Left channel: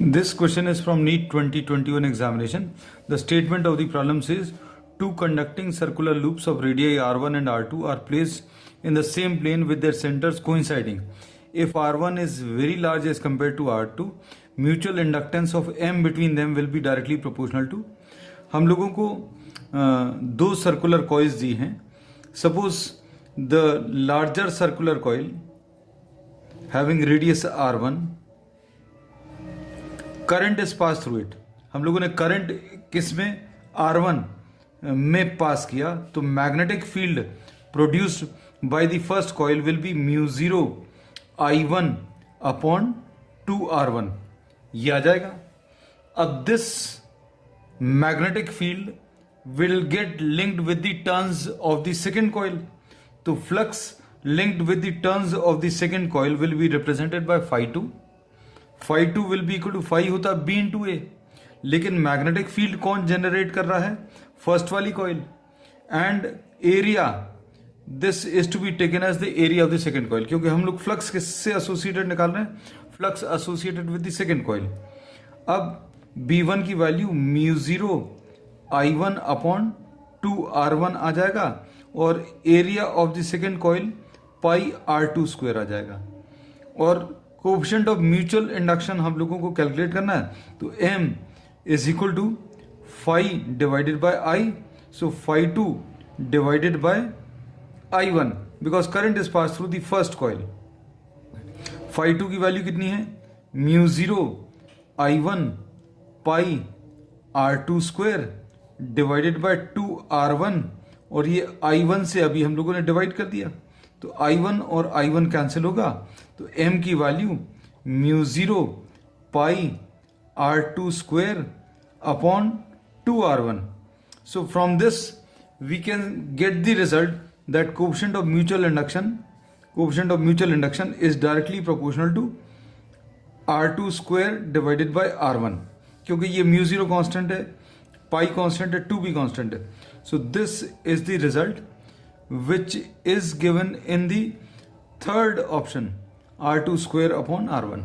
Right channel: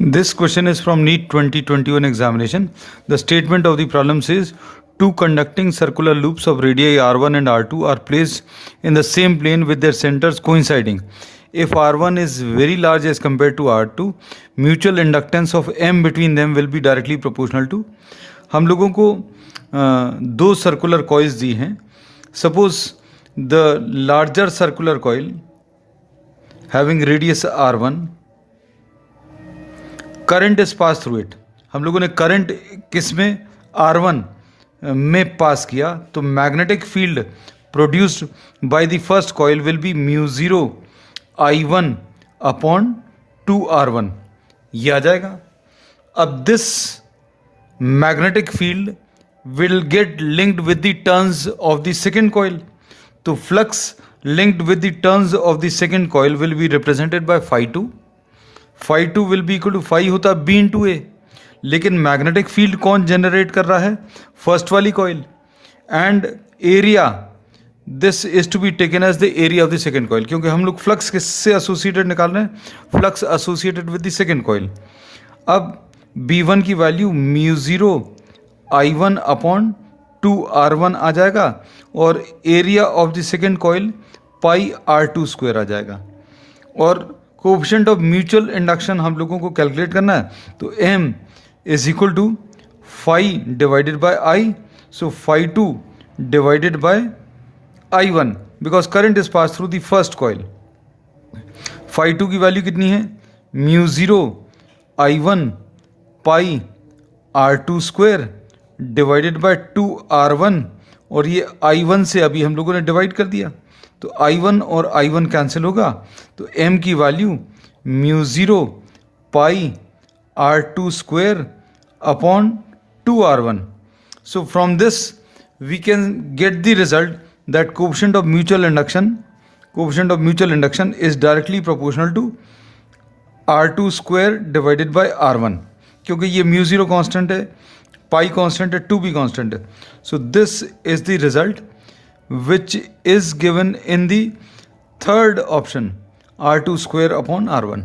This question is from NEET 2021 examination. The statement of the problem says two conducting circular loops of radii r1 and r2 are placed in the same plane with their centers coinciding. If r1 is very large as compared to r2, mutual inductance of m between them will be directly proportional to. हम लोगों को दो circular coils दी हैं. Suppose the larger circular coil having radius r1, current is pass through it. हम लोगों ने current किस में, R1 में पास किया, तो magnetic field produced by the first coil will be μ0 I1 upon 2R1. ये आ जाएगा. अब this magnetic field will get linked with the turns of the second coil. तो flux linked with the turns of the second coil will be represented by φ2. φ2 will be equal to phi होता B into A. लेकिन magnetic field कौन generate कर रहा है, first वाली coil. And area, this is to be taken as the area of the second coil, क्योंकि हम लोग फ्लक्स किससे एसोसिएटेड निकाल रहे हैं, flux associated with the second coil. अब B1 की वैल्यू μ0 I1 अपॉन 2R1 आ जाएगा और area of the second coil pi R2 square आ जाएगा. और कोएफिशिएंट ऑफ म्यूचुअल इंडक्शन हम लोगों को कैलकुलेट करना है, तो m is equal to phi divided by I. So φ2 divided by I1 because current is pass through the first coil. φ2 की वैल्यू कितनी है, μ0 I1 पाई R2 square divided bye 2R1, और ये I1 से अभी हम लोगों ने डिवाइड कर दिया, तो I1 और I1 कैंसिल होगा, तो m की value μ0 pi R2 square upon 2R1. So from this we can get the result that coefficient of mutual induction is directly proportional to R2 square divided by R1, क्योंकि ये μ0 constant है, पाई constant है, 2b constant है. So this is the result which is given in the third option, R2 square upon R1.